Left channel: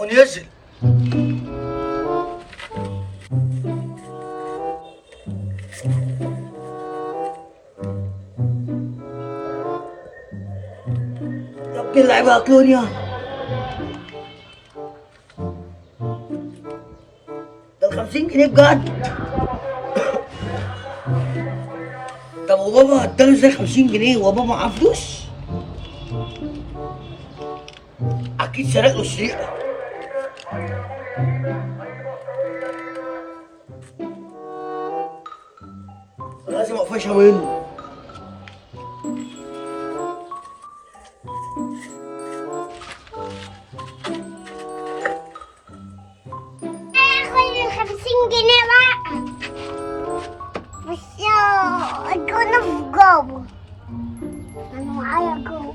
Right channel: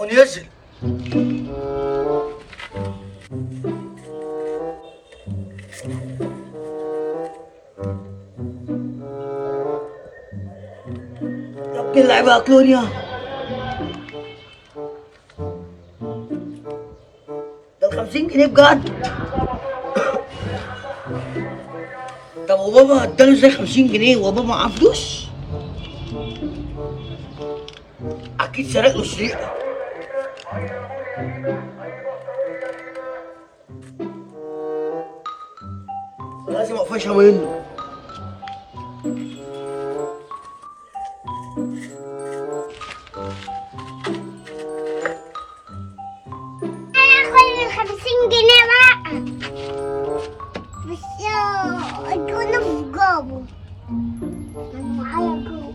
ونزل. يا ابني اللعيبة أكلوني. ده ال50 جنيه بجد. طب وبابا اداله ازاي 50 جنيه وبابا معاه فلوس؟ أكيد سرق له سرقة. لازم أقفشها منه. هاخد ال50 جنيه بقى. بس يا الجونة في جابه. أنا معايا جوه.